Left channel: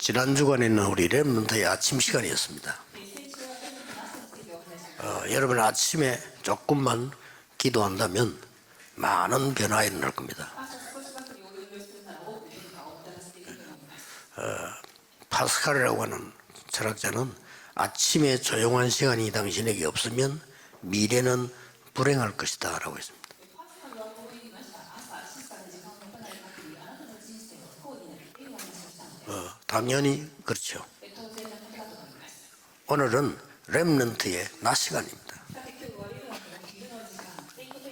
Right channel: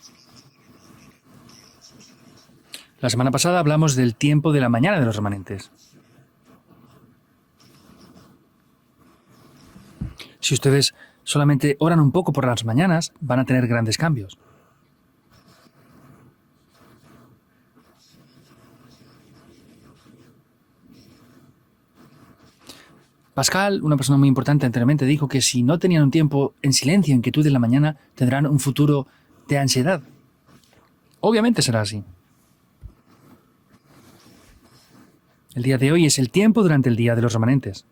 지난 주간에는 우리 렘넌트의 아침 시간이었습니다. La semana pasada hablamos del tiempo de la mañana de los remanentes. 여러분 아침에 조금만 기도한다면 많은 변화가 일어날 겁니다. Si ustedes solamente oran un poco por las mañanas, van a tener grandes cambios. 파스칼이라고 하는 철학자는 아침에 조용한 시간이 당신에게 없으면 미래는 불행할 것이다 라고 했습니다. Pascal, una persona muy importante anteriormente, dijo que si no tenían un tiempo en silencio, en quietud en la mañana, tendrán un futuro de ansiedad. 당연히 그렇죠. Obviamente será así. 오늘은 렘넌트의 낮 시간입니다. El día de hoy es el tiempo durante el día de los remanentes.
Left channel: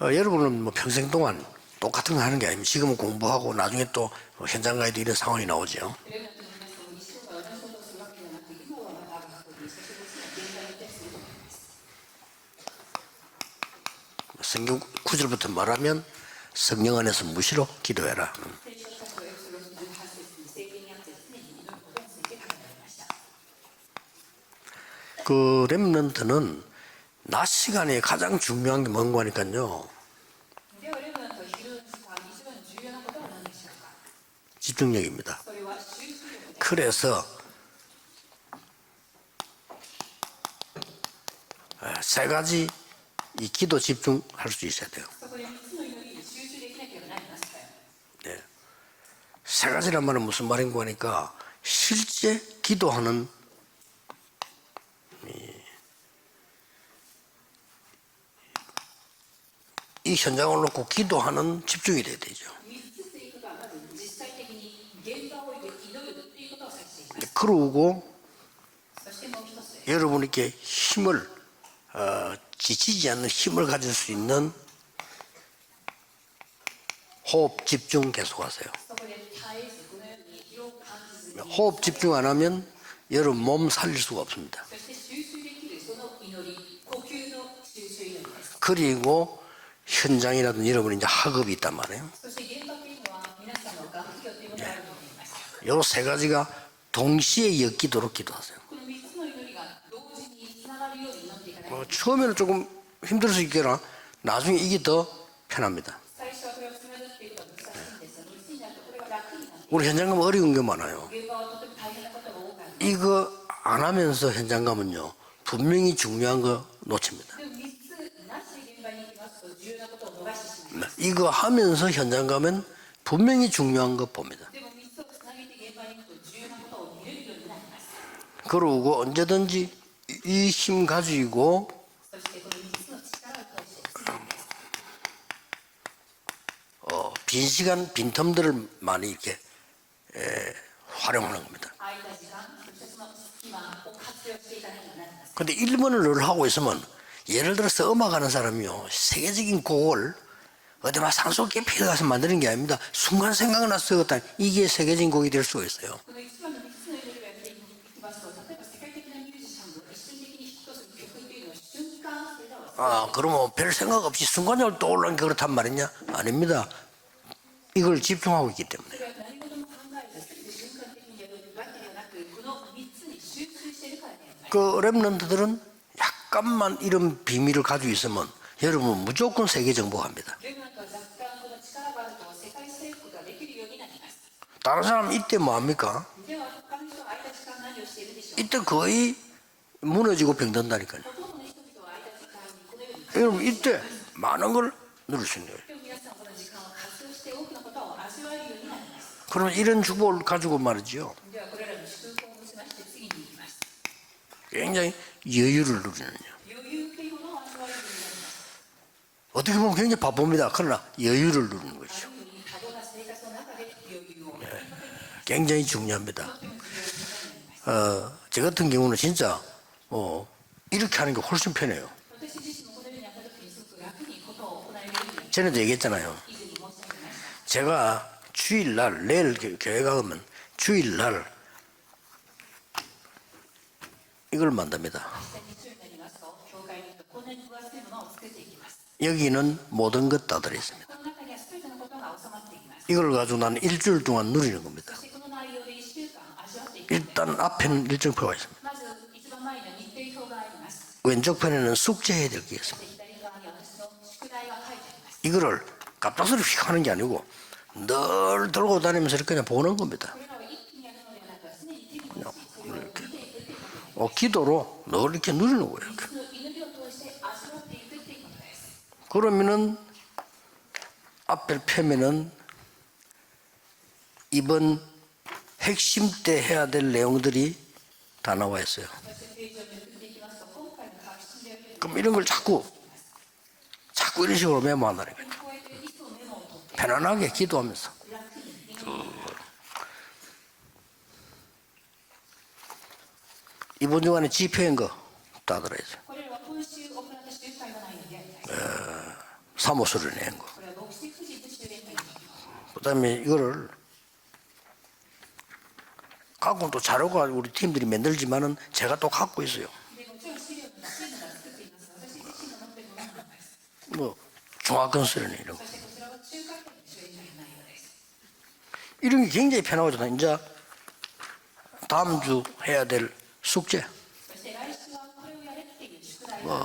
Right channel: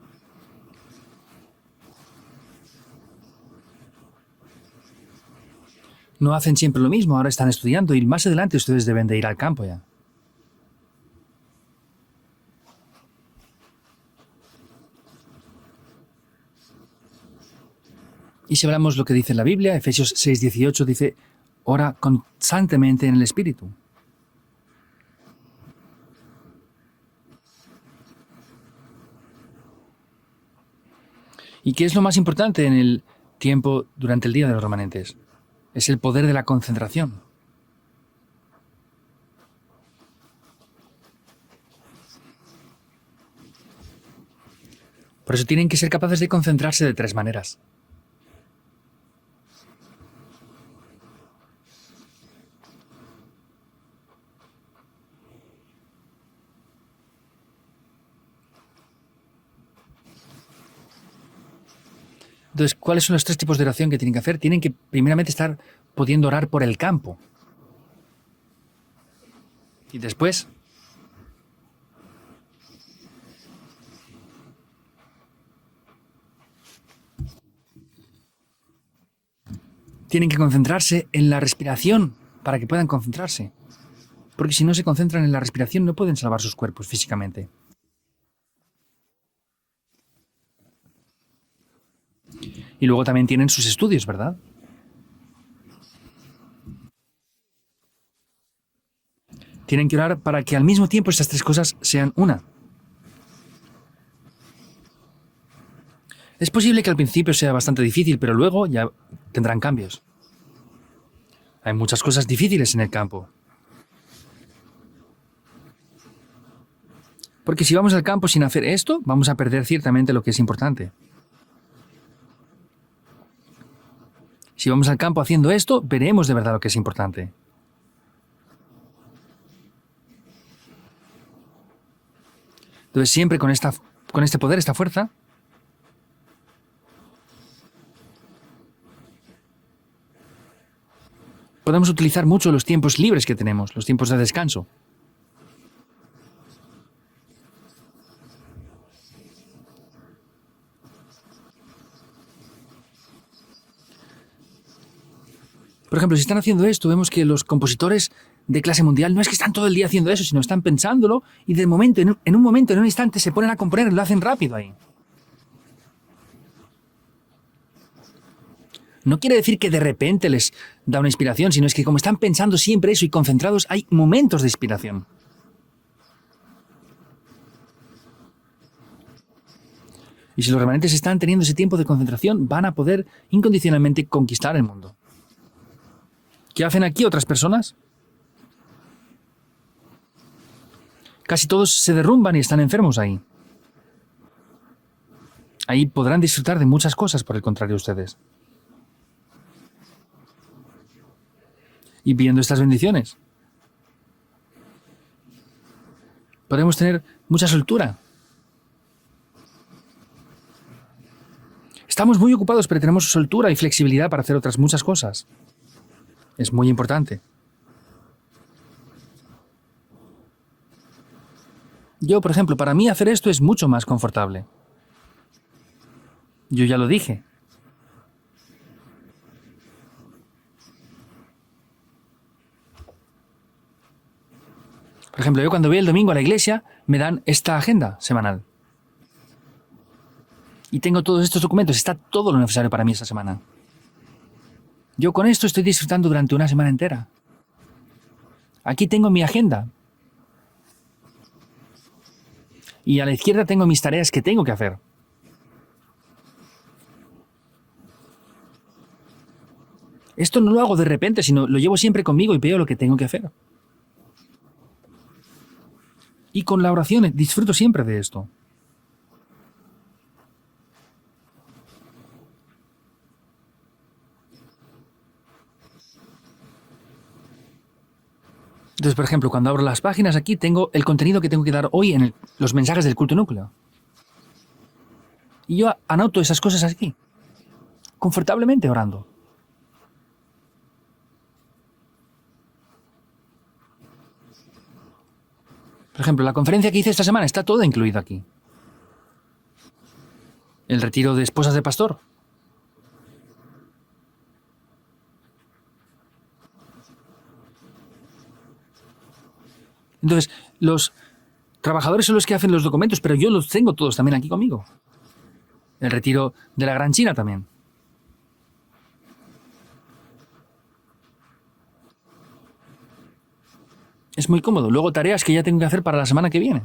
여러분은 뭐 평생 동안 똑같은 거 하는 게 아닙니다. 지금은 공부하고 나중에 또 현장 가야 돼 이런 상황이 나오죠. No hacen siempre lo mismo, ahora están estudiando y más adelante ustedes deben de ir al campo ya. 성경 9절부터 말하면 성령 안에서 무시로 기도해라. Y si hablamos lo que dice la Biblia, Efesios 6:18 dice, ora constantemente en el Espíritu. 그 렘넌트는 낮 시간에 가장 중요한 게 뭔가 하니까요. ¿Y qué es lo más importante en el tiempo durante el día de los remanentes? 집중력입니다. Es el poder de la concentración. 그래서 세 가지 이 기도 집중할 수 있어야 돼요. Por eso tienen que ser capaces de concentrarse de tres maneras. 세 가지란 말은 무슨 말인가 하니까 실제 기도하는 이 현장을 놓고 기도하는 집중이 돼야 되죠. Entonces, ¿cuáles son los tres tipos de oración que tienen que hacer? Tienen que primeramente estar pudiendo orar por el campo. 그러고 여러분께 힘을 지치지 않는 힘을 가질 수 있는 호흡 집중 계속하세요. Tienen que concentrarse en la 호흡 respiración 집중 안 하면 para que puedan concentrarse. 여러분 몸 살릴 수가 없습니다. Porque si no se concentran en la respiración no pueden salvar sus cuerpos físicamente. 그리고 현장이라든지 여러분이 이제 학업이 있단 말이에요. Y luego también tienen sus estudios, ¿verdad? 요 세 가지가 동시에 엮이도록 기도하세요. Tienen que orar para que al mismo tiempo estas tres cosas sean una. 처음에는 조금 힘들 수 있겠나 나중에 이게 더 편합니다. Es posible que al principio sea bastante difícil, pero luego ya tendrán 우리 cambios. 현장 가면 어려운 게 많아요. Hay muchas cosas difíciles en el campo. 이거 안 하면서 현장 가면요 분명히 중요한 거 놓칩니다. Porque si vamos al campo sin hacer esto, vamos a perder ciertamente lo que es importante. 이거 하면서 현장 가면 분명히 중요한 거 봅니다. Si vamos al campo haciendo esto, veremos de verdad lo que es importante. 그러고 언제든지 이 힘 가지고 Entonces siempre con este poder, esta fuerza, 빈 시간, 빈 텀들을 많이 이렇게 활용하는 겁니다. podemos utilizar mucho los tiempos libres que tenemos, los tiempos de descanso. 근데 1번을 늘 하고 있으면 예를 들어서 음악하는 사람이요 세계적인 곡을 어디 막 산속 깊이 가서 만드는 게 아닙니다. 순간 생각나서 쓰었다. 이게 세계적인 곡이 될 수가 있어요. Por ejemplo, si están haciendo esto, vemos que los compositores de clase mundial no es que están todo el día haciendo eso, sino están pensándolo y de momento, en un momento, en un instante, se ponen a componer, lo hacen rápido. 순간적으로 떠오르는 게 그렇단 말이냐? 아닙니다. 이걸 집중하고 있기 때문에. No quiere decir que de repente les da una inspiración, sino es que como están pensando siempre eso y concentrados, hay momentos de 그 inspiración. 렘넌트들은 약간만 이런 비밀을 가지고 있으면 여러분 무조건 세계 정복합니다. Y si los remanentes están teniendo ese tiempo de concentración, van a poder incondicionalmente conquistar el 다른 mundo. 사람 이때 뭐 합니까? ¿Qué hacen aquí otras personas? 이때 거의 무너지고 병든다니까요. Casi todos se derrumban y están enfermos ahí. 여러분 이때 많은 걸 누릴 수 있는 거예요. Ahí podrán disfrutar de muchas cosas, por el contrario, ustedes. 그러면 이런 축복을 가지고 말이죠. Y viendo estas bendiciones, 굉장히 여유를 누리는. podemos tener mucha soltura. 어떻게 보면 굉장히 바쁩니다. 그러나 여유를 누리는 거예요. Estamos muy ocupados, pero tenemos soltura y flexibilidad para hacer otras muchas cosas. 굉장히 중요합니다. Es muy importante. 저 같은 경우는 진짜 이렇게 하는 게 훨씬 편해요. Yo, por ejemplo, para mí hacer esto es mucho más confortable. 전에도 얘기했잖아요. Yo ya lo dije. 제가 주일날 내일 교회 가면 주일날 이걸 만듭니다. Por ejemplo, yo cuando voy el domingo a la iglesia, me dan esta agenda semanal. 여기는 모든 것 다 들어있어요. Y tengo todos estos documentos, está todo lo necesario para mí esta 이걸 가지고 semana. 나는 일주일 동안 누리는 겁니다. Yo con esto estoy disfrutando durante una semana entera. 일단 앞에는 일정표가 있습니다. Aquí tengo mi agenda 왼쪽 편에는 숙제해야 될 게 있습니다. y a la izquierda tengo mis tareas que tengo que hacer. 이거를 갑작스레 휙 하는 게 아니고 늘 들고 다니면서 이렇게 그냥 보는 겁니다. Esto no lo hago de repente, sino lo llevo siempre conmigo y veo lo que tengo que hacer. 기도로 늘 이렇게 누리는 거예요. 이렇게. Y con la oración disfruto siempre de esto. 그러면은 앞을 펴면은 이번 핵심 때 해야 될 내용들이 다 나와 있어요. Entonces, por ejemplo, cuando abro las páginas aquí, tengo el contenido que tengo que dar hoy en los mensajes del culto núcleo. 자꾸 이런 식으로 메모한다니까요. Y yo anoto esas cosas aquí, 편안하게 기도하면서. confortablemente orando. 이번 주간에 집회인 거 다 들어있어요. Por ejemplo, la conferencia que hice esta semana está toda incluida aquí. 사모수를 낸 거. El retiro de esposas de pastor. 그다음에 이거를 갖고 또 자료가 우리 팀들이 만들지만은 제가 또 갖고 있어요. Entonces, los trabajadores son los que hacen los documentos, pero yo los tengo todos también aquí conmigo. 종합건설은 이런 거. El retiro de la Gran China también. 이런 게 굉장히 편하거든요. 이제 다음 주 해야 될 숙제. Es muy cómodo. Luego tareas que ya tengo que hacer para la semana que viene.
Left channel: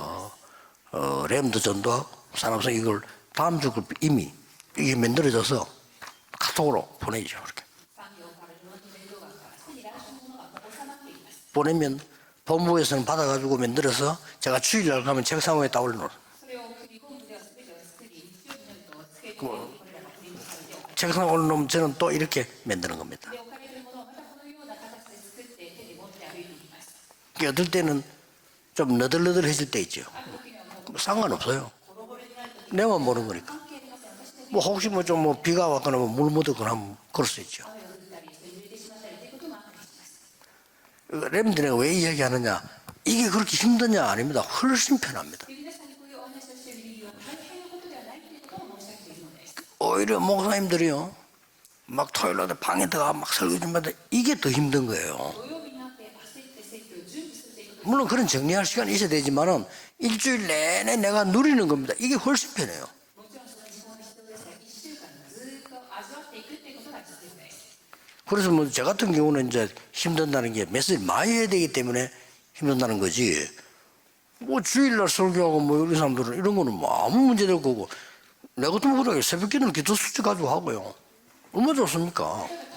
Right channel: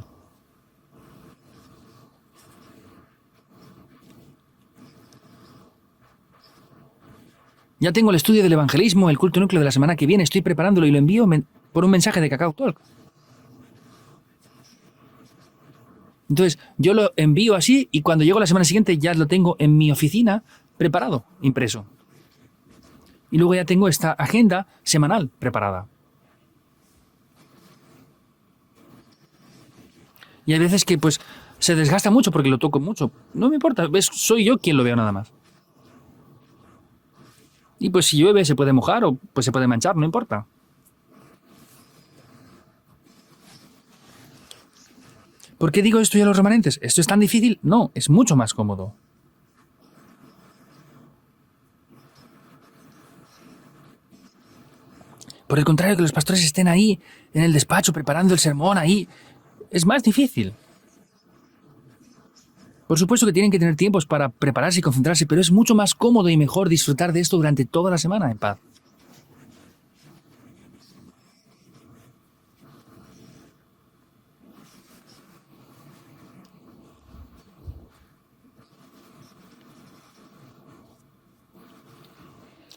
램드 전도하고 산업성 이걸 다음 주 이미 이게 만들어져서 카톡으로 보내죠. 이렇게. Ya tengo el estudio del evangelismo, el culto núcleo de la semana que viene. Estoy preparándolo y lo envío por un mensaje de Cacao. 본부에서는 받아가지고 만들어서 제가 주일날 가면 책상 위에 딱 올려놓을. Entonces, yo lo envío así y cuando llego la semana siguiente ya lo tengo en mi oficina 책상 preparado, 올려놓으면 impreso. 저는 또 이렇게 만드는 겁니다. Y luego ya tengo esta agenda semanal preparada. 어떨 때는 좀 너덜너덜해질 때 있죠. Y hay veces que pues se desgasta mucho porque lo toco mucho. No me importa, soy yo quien lo veo nada más. 뭐 비가 왔거나 물 묻었거나 하면 그럴 수 있죠. Y pues si llueve se puede mojar o pues se puede manchar, no importa. 렘드가 왜 이야기하느냐? 이게 그렇게 힘드냐? 아닙니다. 훨씬 편합니다. ¿Por qué digo esto ya a los remanentes? ¿Esto es tan difícil? No, es mucho más cómodo. 오히려 목사님들이요. 막 토요일날 방에 들어가 막 설교 좀 하는데 이게 더 힘든 거예요. Por el contrario, que los pastores estén ahí en el despacho 물론 preparando 그런 el sermón 정리할 ahí. 수가 있어야 되지만은 Es más 일주일 difícil. 내내 내가 누리는 겁니다. 이게 훨씬 편해요. Por supuesto que tienen que tener tiempos para prepararse y concentrarse, pero es mucho más cómodo y mejor disfrutar de esto durante toda la semana. 그래서 뭐 저 같은 경우는 이제 힘든다는 게 메시지 많이 해야 되기 때문에 힘든다는 거지. 뭐 주일날 설교하고 뭐 우리 사람들은 이런 거는 뭐 아무 문제 될 거고 내 같으면 그래 새벽기는 기도 수치 가지고 하고요. 얼마나 좋습니까?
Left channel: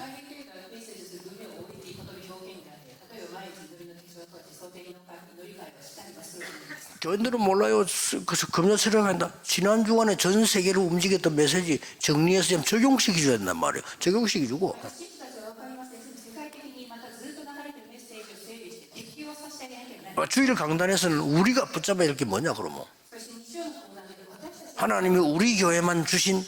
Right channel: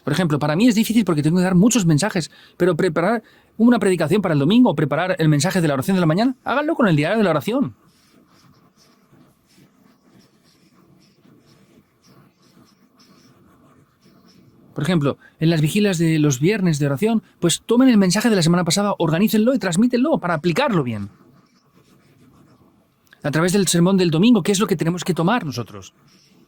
Por ejemplo, para mí es difícil porque tengo que dar muchos mensajes, pero preparar una predicación para el domingo o preparar el mensaje de la oración de la mañana, háganlo con el diario de la oración. 몰라요. 그래서 금요일에 한다. 지난 주간에 전 세계를 움직였던 메시지 정리해서 좀 적용시켜 줘야 된단 말이에요. 적용시켜 주고. Por ejemplo, en las vigilias de los viernes de oración, pues tomen el mensaje de la semana pasada, organícenlo y transmítenlo para 주일 aplicarlo. 강단에서는 우리가 붙잡아야 될 게 뭐냐 그러면. A través del sermón del domingo, ¿qué es lo que tenemos que 하나님이 tomar? 우리 nosotros? 교회만 주신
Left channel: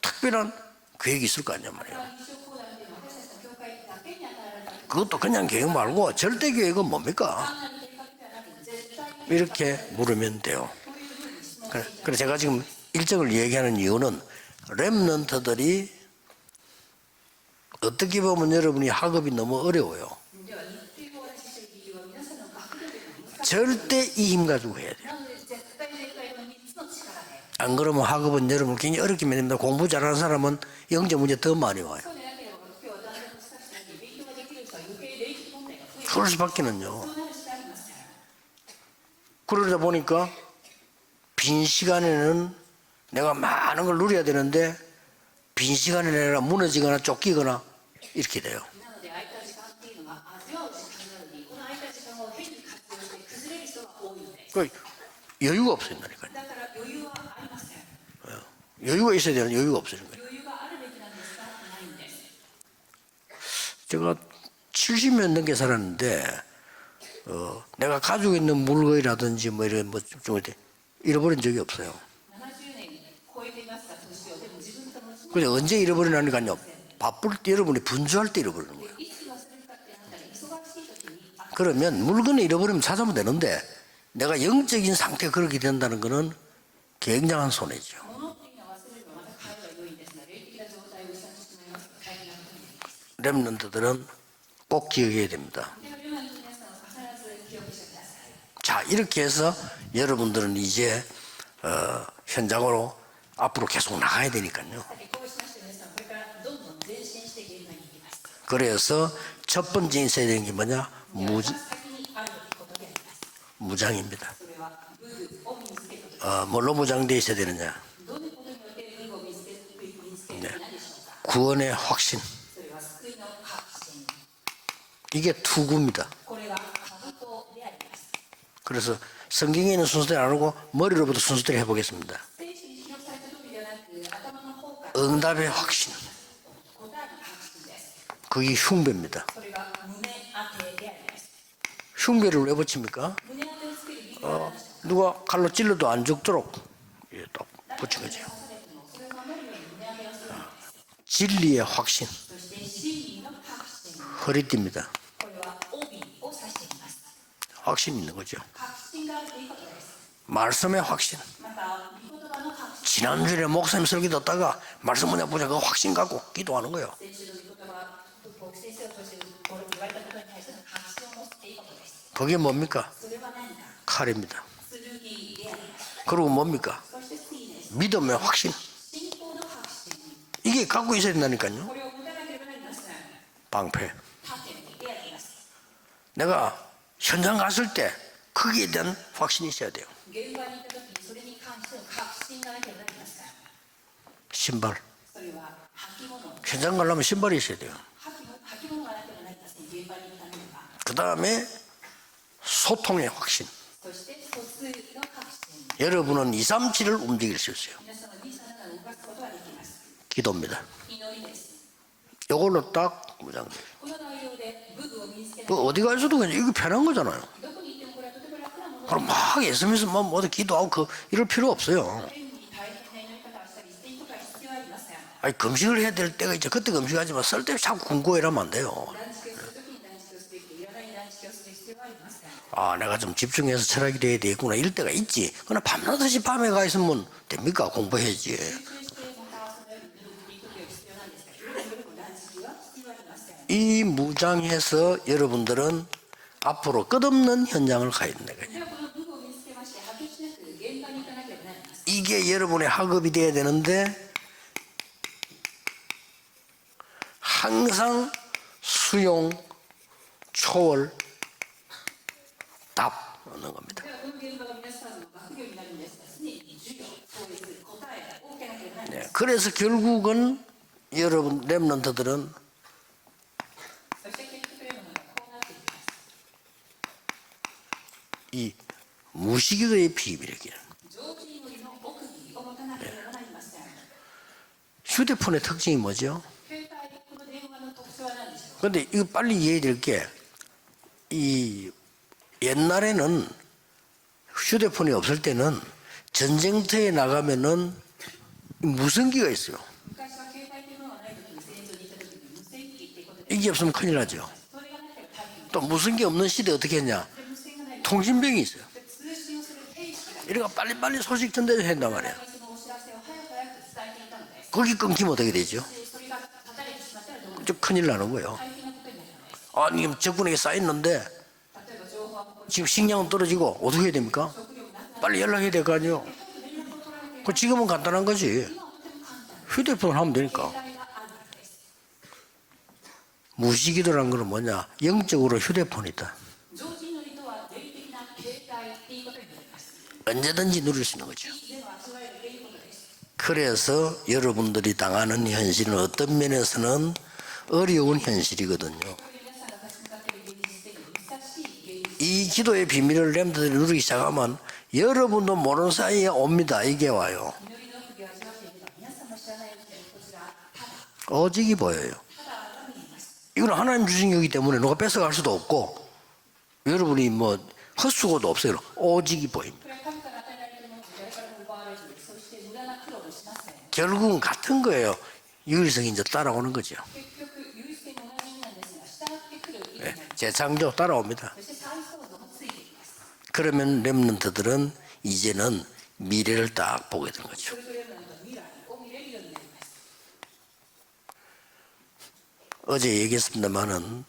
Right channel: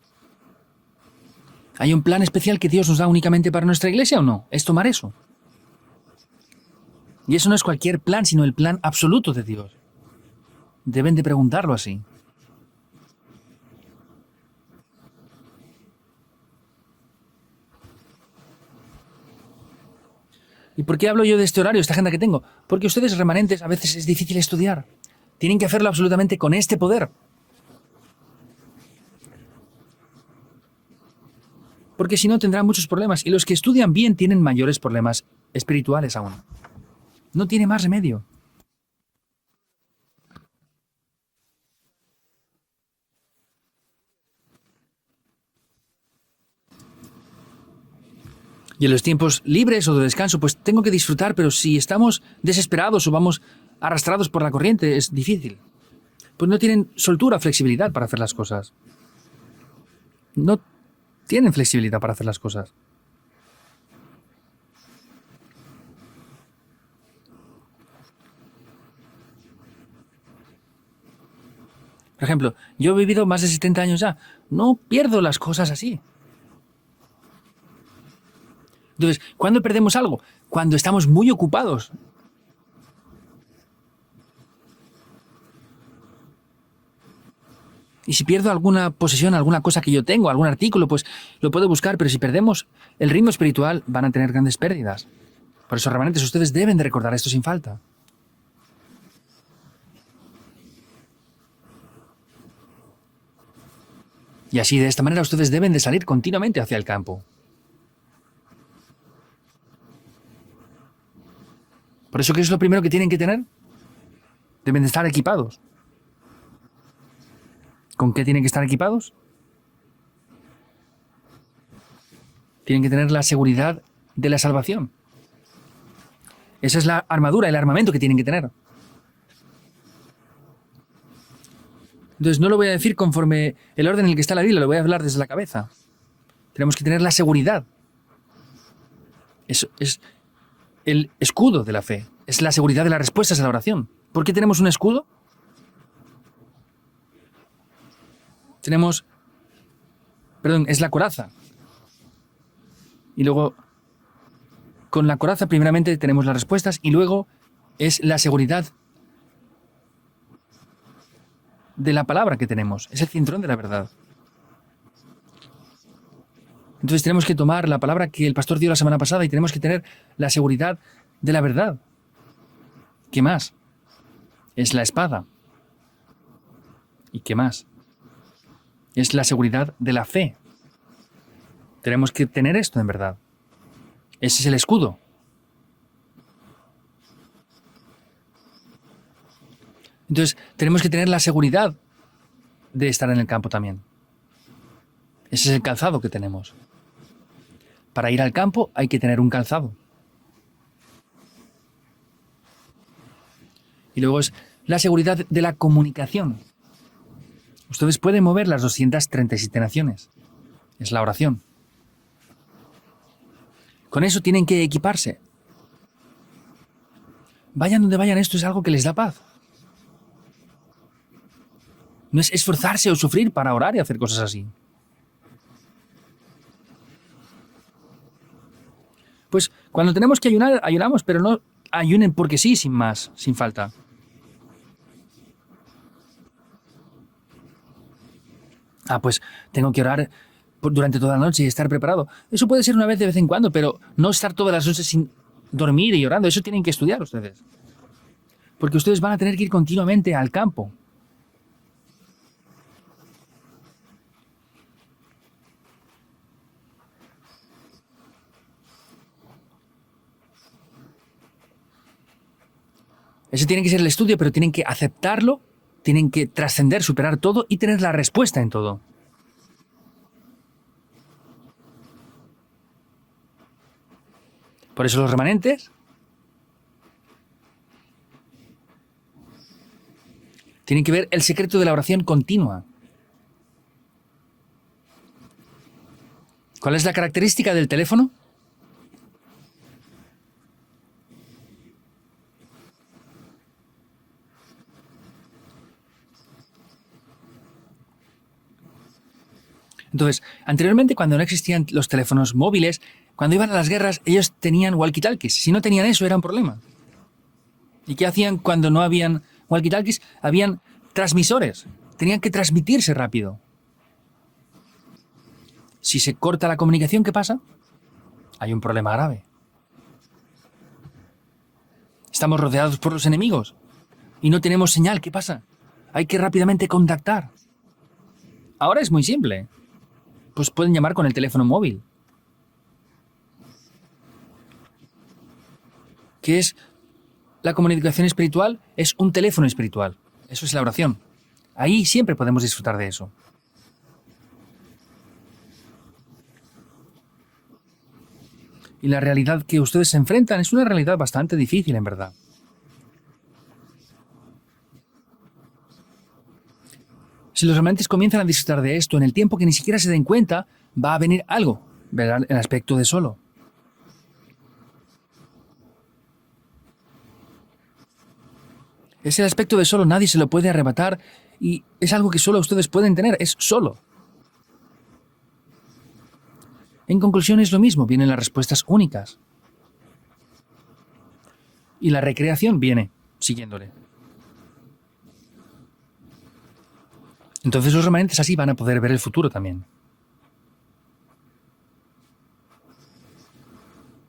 특별한 계획이 있을 거 아니야. ¿Hay un plan especial que Dios nos da únicamente para nuestra iglesia o no? Es tomar eso. 그것도 그냥 계획 말고 절대 계획은 뭡니까? Y eso no es cualquier plan, sino el plan absoluto de Dios. 이렇게 물으면 돼요. Deben de preguntarlo así. 그래서 제가 지금 일정을 얘기하는 이유는 렘넌트들이 어떻게 보면 여러분이 학업이 너무 어려워요. ¿Y por qué hablo yo de este horario, esta agenda que tengo? Porque ustedes remanentes a veces es difícil estudiar. Tienen que hacerlo absolutamente con este poder. 안 그러면 학업은 여러분 굉장히 어렵게 만듭니다. 공부 잘하는 사람은 영적 문제 더 많이 와요. Porque si no tendrán muchos problemas. Y los que estudian bien tienen mayores problemas espirituales. 그럴 수밖에는요. No tiene más remedio. 그러다 보니까 빈 시간에는 내가 많은 걸 누려야 되는데 빈 시간에 내가 무너지거나 쫓기거나 이렇게 돼요. Y en los tiempos libres o de descanso, pues tengo que disfrutar, pero si estamos desesperados o vamos arrastrados por la corriente, es difícil. 여유가 없어진다니까요. Pues no tienen soltura, flexibilidad para hacer las cosas. 여유가 있어야 되는 여유가 없어진 거예요. No tienen flexibilidad para hacer las cosas. 제가 70년 넘게 살았는데 내가 가지고 있는 물건이라든지 뭐 이런 뭐좀 잃어버린 적이 없어요. Por ejemplo, yo he vivido más de 70 años ya. No pierdo las 그래, cosas 언제 así. 잃어버리나니까요. 바쁠 때 여러분이 분주할 때 잃어버리는 거예요. Entonces, ¿cuándo perdemos algo? Cuando estamos muy ocupados. 그러면 물건을 잃어버리면 찾아보면 되는데 내가 영적인 상태가 그렇게 된다는 거는 굉장한 손해죠. Y si pierdo alguna posesión, alguna cosa que yo tengo, algún artículo, pues lo puedo buscar, pero si perdemos el ritmo espiritual, van a tener grandes 꼭 pérdidas. 기억해야 됩니다. Por eso, remanentes, ustedes deben de recordar esto sin falta. 자, 이렇게 해서 여러분들은 이제 현장으로 앞으로 계속 나가야 Y 되니까. así, de esta manera, ustedes deben de salir continuamente hacia el campo. 그래서 첫 번째 있어야 되는 게 뭐냐? Por eso, ¿qué es lo primero que tienen que tener? 무장입니다. Deben de estar equipados. 뭘로 무장되어 있어야 되느냐? ¿Con qué tienen que estar equipados? 구원의 확신. Tienen que tener la seguridad de la salvación. 이게 투구입니다. Esa es la armadura, el armamento que tienen que tener. 그래서 성경에 있는 순서대로 안 하고 머리로부터 순서대로 해보겠습니다. Entonces no lo voy a decir conforme el orden en el que está la Biblia, lo voy a hablar desde la 응답의 cabeza. 확신. Tenemos que tener la seguridad. 그게 흉배입니다. Es el escudo de la fe. Es la seguridad de las respuestas a la oración. ¿Por qué tenemos un escudo? 누가 칼로 찔러도 안 죽도록 딱 붙인 거죠. Tenemos, perdón, es la coraza. 진리의 확신. Y luego, 허리띠입니다. con la coraza, primeramente tenemos las respuestas y luego es la seguridad 말씀의 확신. de la palabra que tenemos. Es el 지난주에 fundamento de la 목사님 palabra. 설교 듣다가 말씀 뭐냐 보자 그 확신 갖고 기도하는 거예요. Entonces tenemos que tomar la palabra que el pastor dio la semana pasada y tenemos que tener la seguridad de la verdad. 그게 뭡니까? ¿Qué más? 칼입니다. Es la espada. 그리고 뭡니까? ¿Y qué más? 믿음의 확신. Es la seguridad de la fe. 이게 갖고 있어야 된다니까요. Tenemos que tener esto en verdad. 방패. Ese es el escudo. 내가 현장 갔을 때 거기에 대한 확신이 있어야 돼요. Entonces tenemos que tener la seguridad de estar en el campo también. 신발. Ese es el calzado que tenemos. 현장 가려면 신발이 있어야 돼요. Para ir al campo hay que tener un calzado. 그 다음에 소통의 확신. Y luego es la seguridad de la 여러분은 comunicación. 237을 움직일 수 있어요. Ustedes pueden mover las 237 naciones. 기도입니다. Es la oración. 이걸로 딱 무장. Con eso tienen que equiparse. 또 어디 가서도 그냥 이거 편한 거잖아요. Vayan donde vayan, esto es algo que les da paz. 막 SM에서 뭐 어디 기도하고 이럴 필요 없어요. No es esforzarse o sufrir para orar y hacer cosas así. 아니 금식을 해야 될 때가 있죠. 그때 금식하지만 쓸데없이 자꾸 궁고해라면 안 돼요. Pues cuando tenemos que ayunar, ayunamos, pero no ayunen porque sí, sin 아, 내가 más, 좀 sin falta. 집중해서 철학이 돼야 되겠구나 이럴 때가 있지. 그러나 밤낮없이 밤에 가 있으면 됩니까? 공부해야지. Ah, pues tengo que orar durante toda la noche y estar preparado. Eso puede ser una vez de vez en cuando, pero 이 no estar todas las noches sin 여러분들은 dormir y orando. Eso tienen que 앞으로 estudiar. 끝없는 현장을 가야 된다. Porque ustedes van a tener que ir continuamente al campo. 이게 여러분의 학업이 돼야 되는데 항상 수용, 초월, 답. Ese tiene que ser el estudio, pero tienen que aceptarlo, tienen que trascender, superar todo y tener la respuesta en todo. 네, 그래서 결국은 여러분 렘넌트들은 Por eso los remanentes 이 무식기도의 비밀이에요. tienen que ver el secreto de la oración continua. 휴대폰의 특징이 뭐죠? ¿Cuál es la característica del teléfono? 근데 이거 빨리 이해해야 될 게 이 옛날에는 휴대폰이 없을 때는 전쟁터에 나가면은 무선기가 있어요. Entonces, anteriormente, cuando no existían los teléfonos móviles, cuando iban a las guerras, ellos tenían walkie-talkies. Si no tenían eso, era un 없는 시대 problema. 어떻게 했냐? ¿Y qué hacían 통신병이 cuando no habían walkie-talkies? Habían transmisores. Tenían que transmitirse rápido. 거기 끊기면 어떻게 되죠? Si se corta la comunicación, ¿qué pasa? 좀 큰일 나는 거예요. Hay un problema grave. 아니 적군에게 쌓였는데 Estamos rodeados por 신경 los enemigos 떨어지고 어떻게 해야 됩니까? y no tenemos señal. ¿Qué 빨리 pasa? 연락해야 될 거 아니에요? Hay que rápidamente contactar. 그 지금은 간단한 거지. Ahora es muy simple. 휴대폰 하면 되니까. Nos pueden llamar con el teléfono móvil. 무식기도라는 건 뭐냐? 영적으로 휴대폰이다. ¿Qué es la comunicación espiritual? Es un teléfono espiritual. Eso es 언제든지 la 누릴 oración. 수 있는 거죠. Ahí siempre podemos disfrutar de eso. 그래서 여러분들이 당하는 현실은 어떤 면에서는 어려운 현실이거든요. Y la realidad que ustedes se enfrentan es una realidad bastante difícil, en verdad. 이 기도의 비밀을 렘들이 누리기 시작하면 여러분도 모르는 사이에 옵니다. 이게 와요. Si los remanentes comienzan a disfrutar de esto, en el tiempo que ni siquiera se den cuenta, va a venir Oye, algo. pues. ¿Verdad? El aspecto de solo. 이건 하나님 주신 거기 때문에 누가 뺏어갈 수도 없고 여러분이 뭐 헛수고도 없어요. 오직 Es el aspecto de solo, nadie se lo puede arrebatar y es algo que solo ustedes pueden tener, es solo. 결국은 같은 거예요. 유일성이 이제 따라오는 거죠. En conclusión es lo mismo, vienen las respuestas únicas 예, 재창조 따라옵니다. y la recreación viene. siguiendo. 그러면 렘넌트들은 이제는 미래를 딱 보게 되는 거죠. Entonces los remanentes así van a poder ver el futuro también. 어제 얘기했습니다만은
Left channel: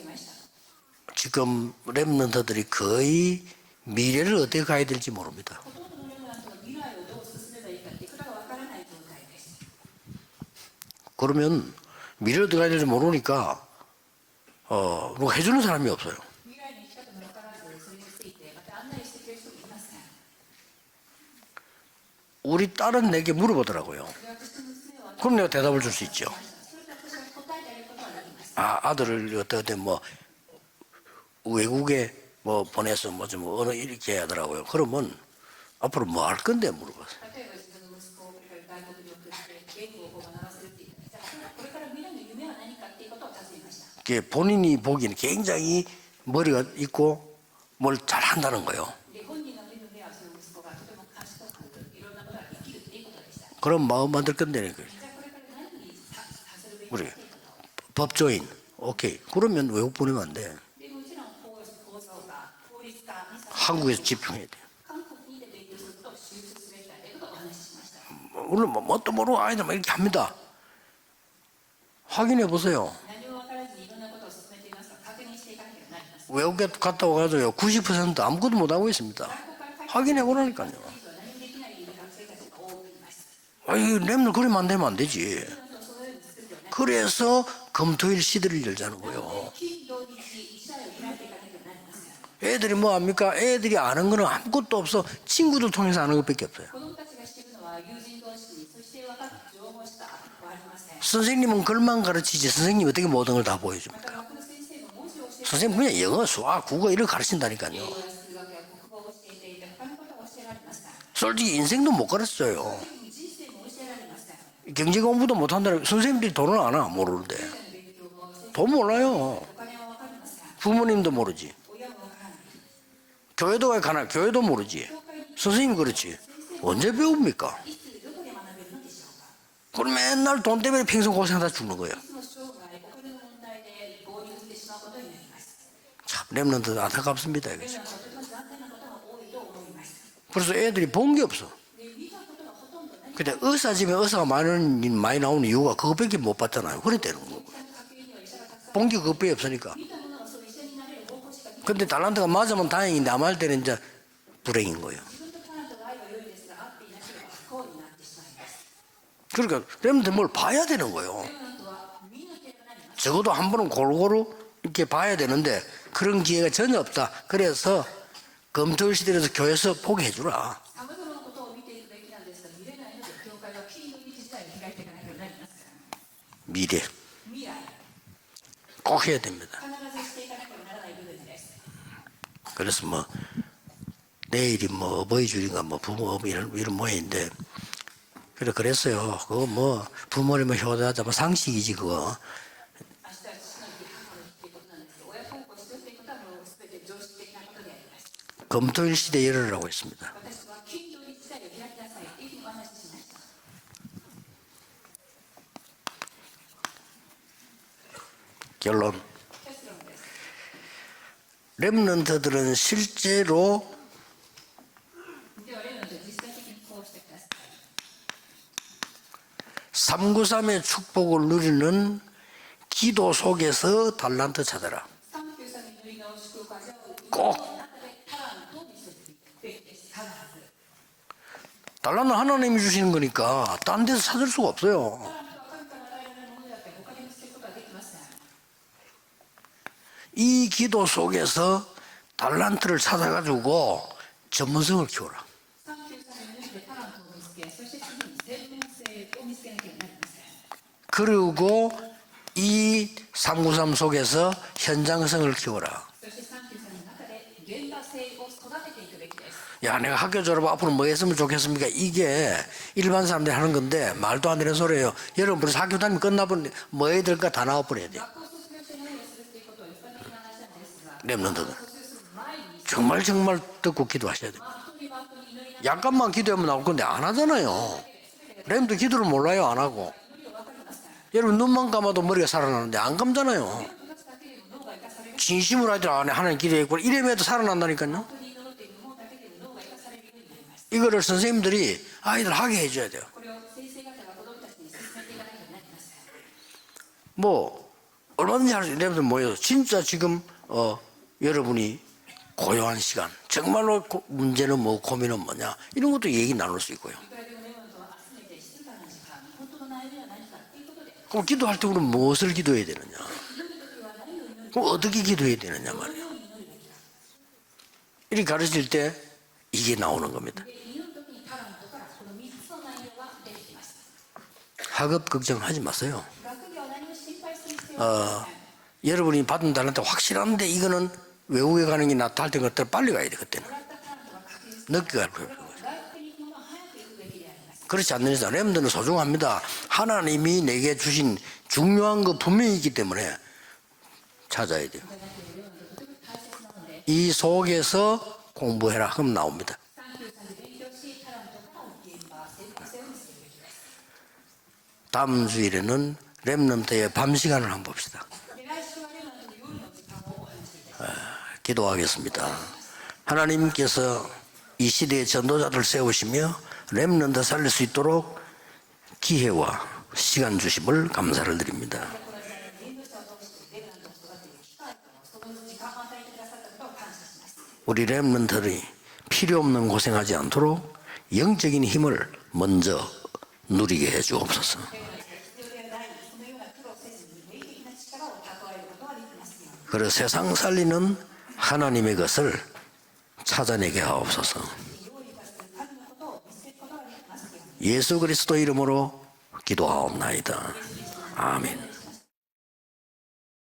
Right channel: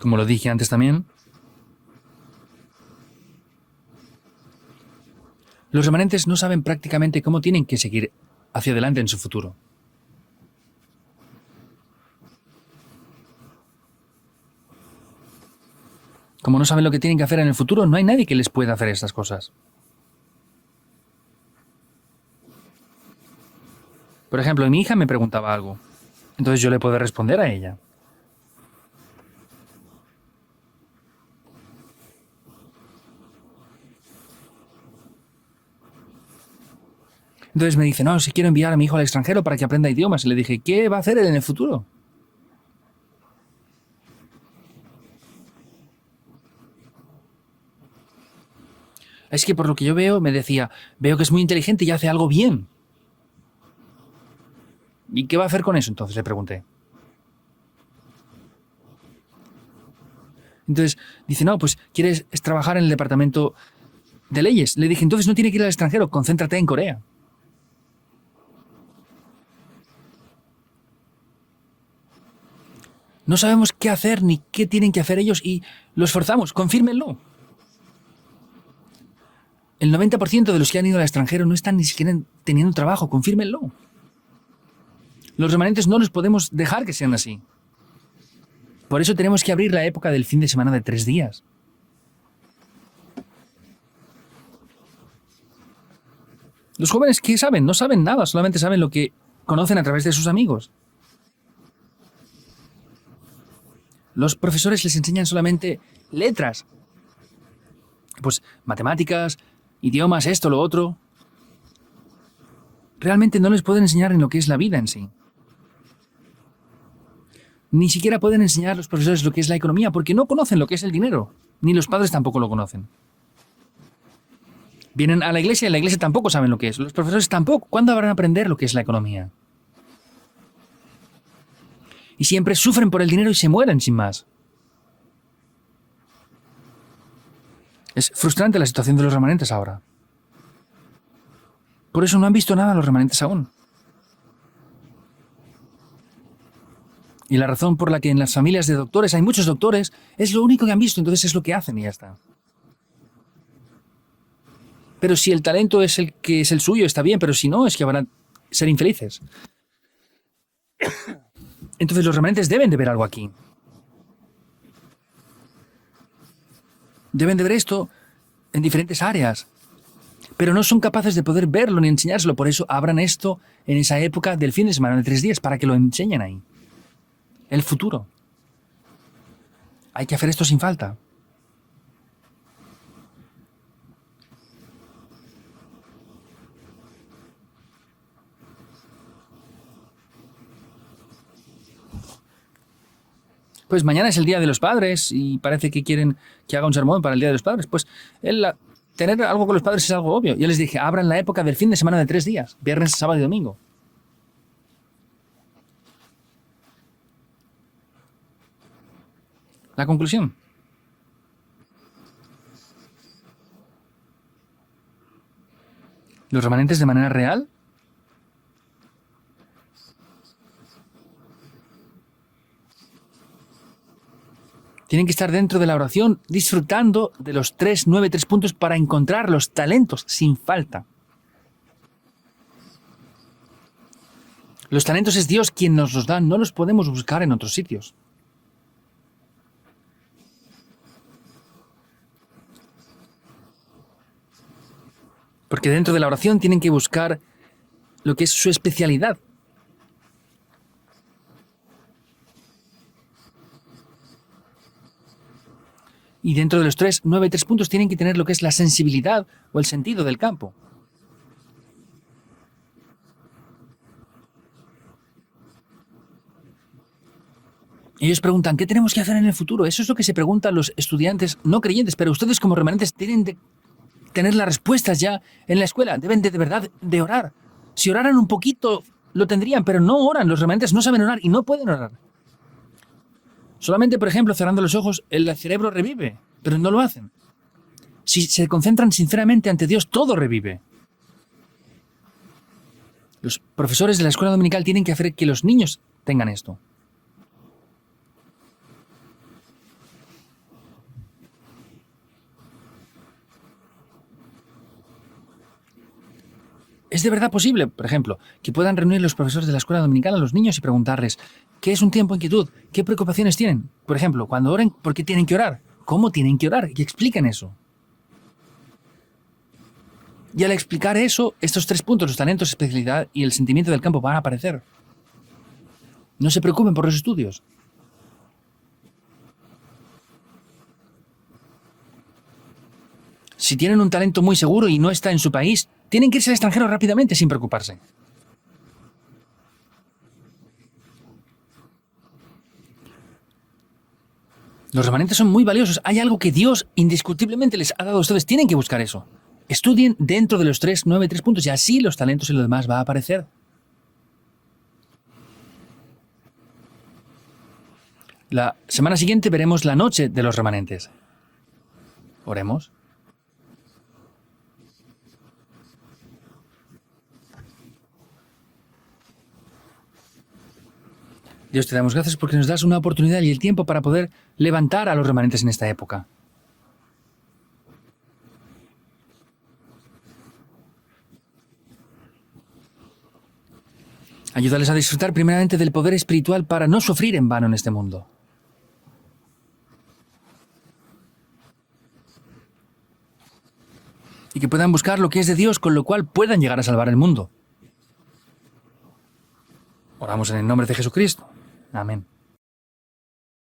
Como lo dije antes también, 지금 렘넌트들이 거의 미래를 어떻게 가야 될지 모릅니다. los remanentes no saben prácticamente cómo tienen que seguir hacia adelante en su futuro. 그러면 미래를 어떻게 가야 될지 모르니까 누가 해주는 사람이 없어요. Como no saben lo que tienen que hacer en el futuro, no hay nadie que les pueda hacer estas cosas. 우리 딸은 내게 물어보더라고요. Por ejemplo, mi hija me 그럼 preguntaba 내가 algo. 대답을 줄 수 있죠. Entonces yo le puedo responder a ella. 아들을 어떻게 뭐 외국에 뭐 보내서 뭐 좀 어느 이렇게 하더라고요. 그러면 앞으로 뭐 할 건데 물어봤어요. Entonces me dice, no, si quiero enviar a mi hijo al extranjero para que aprenda idiomas. Y le dije, ¿qué va a hacer él en el futuro? que 본인이 보기에는 굉장히 머리가 있고 뭘 잘한다는 거예요. Es que por lo que yo veo, me decía, veo que es muy inteligente y hace algo bien. 그런 마음 만들 건데 ¿Y qué va a hacer con eso? Entonces le pregunté. 우리 법조인 오케이 그러면 외국 보내면 안 돼. Entonces dice, no, pues quieres trabajar en el departamento 한국에서 집중. de leyes. Le dije, entonces no tiene que ir al extranjero, concéntrate en Corea. 오늘 뭣도 모르고 아이들 막 이렇게 합니다. 확인해 보세요. No sabemos qué hacer ni qué tienen que hacer ellos y lo esforzamos, 외국 갔다 confírmenlo. 와가지고요 90% 아무것도 못 하고 있습니다. El 90% de los que han ido al extranjero no están ni siquiera teniendo trabajo, confírmenlo. 아이 렘을 그러면 안 되면 안 되지. Los remanentes no los podemos dejar que sean así. 그래서 금토일 시대를 열잖아요. Por eso tenemos que abrir la época del fin de semana de 3 días. 애들이 뭐 합니까? 애들이 아는 거는 아무것도 없어. 친구들 통해서 아는 것밖에 없어요. Los jóvenes, ¿qué saben? No saben nada, solamente saben lo que conocen a través de sus amigos. 선생님은 글만 가르치지 선생님이 어떻게 모든 걸 다 보여줍니까? Los profesores les enseñan solamente 선생님 그냥 영어, letras, 수학, 국어 이런 거 가르친다니까요. pues matemáticas, idiomas, esto, lo otro. 솔직히 인생도 못 가르쳐요. Realmente no les pueden enseñar en lo que es la vida en 경제 sí. 공부도 못 한다는 선생님들이 돈을 안 와, 모르는데. Ni siquiera pueden enseñar a los ¿Cómo no? profesores lo que es la economía porque no conocen lo que es el 부모님도 dinero. 모르지. Ni los padres tampoco lo conocen. 교회도 가나 교회도 모르지. Vienen a la iglesia y en la iglesia tampoco saben lo que es. Los profesores tampoco. ¿Cuándo van a aprender lo que es la economía? 그럼 맨날 돈 때문에 평생 고생하다 죽는 거예요. Y siempre sufren por el dinero y se mueren sin más. 참 렘넌트 안타깝습니다. 이게. Es frustrante la situación de los remanentes ahora. 그래서 애들이 본 게 없어. Por eso no han visto nada los remanentes 근데 aún. 의사 집에 의사가 많이 나오는 이유가 그것밖에 못 봤잖아요. 그랬대요. Y la razón por la que en las familias de doctores hay muchos doctores es lo único que han visto, entonces es lo que hacen. 근데 달란트가 맞으면 다행인데 안 맞을 때는 이제 불행인 거예요. Pero si el talento es el que es el suyo, está bien, pero si no, es que van a ser infelices. 그러니까 렘넌트 뭘 봐야 되는 거예요. Entonces los remanentes deben de ver algo aquí. 적어도 한 번은 골고루 이렇게 봐야 되는데 그런 기회가 전혀 없다. Deben de ver 그래서 esto en diferentes áreas. 교회에서 보게 해주라. Pero no son capaces de poder verlo ni enseñárselo. Por eso abran esto en esa época del fin de semana, de 3 días, para que lo enseñen ahí. 미래 El futuro. 꼭 해야 됩니다. Hay que hacer esto sin falta. 그래서 뭐 내일이 뭐 어버이 주일인가 뭐 부모 이런 모임인데 그랬어요. 그거 뭐 부모님을 효도하자 뭐 상식이지 그거. Pues mañana es el Día de los Padres y parece que quieren que haga un sermón para el Día de los Padres. Pues tener algo con los padres es algo obvio. Yo les dije, abran la época del fin de semana de 3 días, viernes, sábado y domingo. 결론. La conclusión. 렘넌트들은 실제로 Los remanentes de manera real 393의 축복을 누리는 기도 속에서 달란트 찾아라. tienen que estar dentro de la oración disfrutando de los 3, 9, 3 puntos para encontrar los talentos sin falta. 달란트 하나님이 주시는 거니까 딴 데서 찾을 수가 없어요. Los talentos es Dios quien nos los da, no los podemos buscar en otros sitios. 이 기도 속에서 달란트를 찾아가지고 전문성을 키워라. Porque dentro de la oración tienen que buscar lo que es su especialidad. 그리고 이 393 속에서 현장성을 키워라. Y dentro de los 3, 9, 3 puntos tienen que tener lo que es la sensibilidad o el 야, 내가 sentido del 학교 졸업 campo. 앞으로 뭐 했으면 좋겠습니까? 이게 일반 사람들이 하는 건데 말도 안 되는 소리예요. 여러분 벌써 학교 다니면 끝나버리는데 뭐 해야 될까 다 나와버려야 돼. Y ellos preguntan, ¿qué tenemos que hacer en el futuro? Eso es lo que se preguntan los estudiantes no creyentes, pero ustedes como remanentes 정말 tienen 정말 듣고 기도하시오. tener las respuestas ya en la escuela. Deben de verdad de orar. Si oraran un poquito, lo tendrían, pero no oran. Los remanentes no saben orar y 여러분 no 눈만 pueden orar. 감아도 머리가 살아나는데 안 감잖아요. Solamente, por ejemplo, cerrando los ojos, el cerebro 진심으로 revive, 하나님 pero no lo 기도해 hacen. 이래봬도 살아난다니까요. Si se concentran sinceramente ante Dios, todo revive. 이거를 선생님들이 아이들 하게 해줘야 돼요. Los profesores de la escuela dominical tienen que hacer que los niños tengan esto. 뭐 얼마든지 할 수 있는 데부터 모여서 진짜 지금 여러분이 고요한 시간 정말로 문제는 뭐 고민은 뭐냐 이런 것도 얘기 나눌 수 있고요. Es de verdad posible, por ejemplo, que puedan reunir los profesores de la escuela dominical a los niños y preguntarles qué es un tiempo de quietud, qué preocupaciones tienen. Por ejemplo, cuando oren, ¿por qué tienen que orar? ¿Cómo tienen que orar? Y expliquen eso. 이렇게 가르칠 때 이게 나오는 겁니다. Y al explicar eso, estos tres puntos, los talentos, especialidad y el sentimiento del campo van a aparecer. 학업 걱정하지 마세요. No se preocupen por los estudios. 여러분이 받은 달란트 확실한데 이거는 외국에 가는 게 낫다 할 때 그때 빨리 가야 돼 그때. Si tienen un talento muy seguro y no está en su país, tienen que irse al extranjero rápidamente sin preocuparse. 그렇지 않는 이상 렘들은 소중합니다. 하나님이 내게 주신 중요한 거 분명히 있기 때문에 찾아야 돼. Los remanentes son muy valiosos. Hay algo que Dios indiscutiblemente les ha dado a ustedes. Tienen que buscar eso. Estudien dentro de los 3, 9, 3 puntos y así los talentos y lo demás va a aparecer. 다음 주일에는 렘넌트의 밤 시간을 한번 봅시다. La semana siguiente veremos la noche de los remanentes. 기도하겠습니다. Oremos. 하나님께서 이 시대의 전도자들 세우시며 렘넌트 살릴 수 있도록 기회와 시간 주심을 감사를 Dios, te 드립니다. damos gracias porque nos das una oportunidad y el tiempo para poder levantar a los remanentes en esta época. 우리 렘넌트들이 필요 없는 고생하지 않도록 영적인 힘을 먼저 누리게 해주옵소서. Ayúdales a disfrutar primeramente del poder espiritual para no sufrir en vano en este mundo. 그리고 세상 살리는 하나님의 것을 찾아내게 Y 하옵소서. que puedan buscar lo que es de Dios, con lo cual puedan llegar a salvar el mundo. 예수 그리스도 이름으로 Vamos en 기도하옵나이다. el nombre de Jesucristo. 아멘. Amén.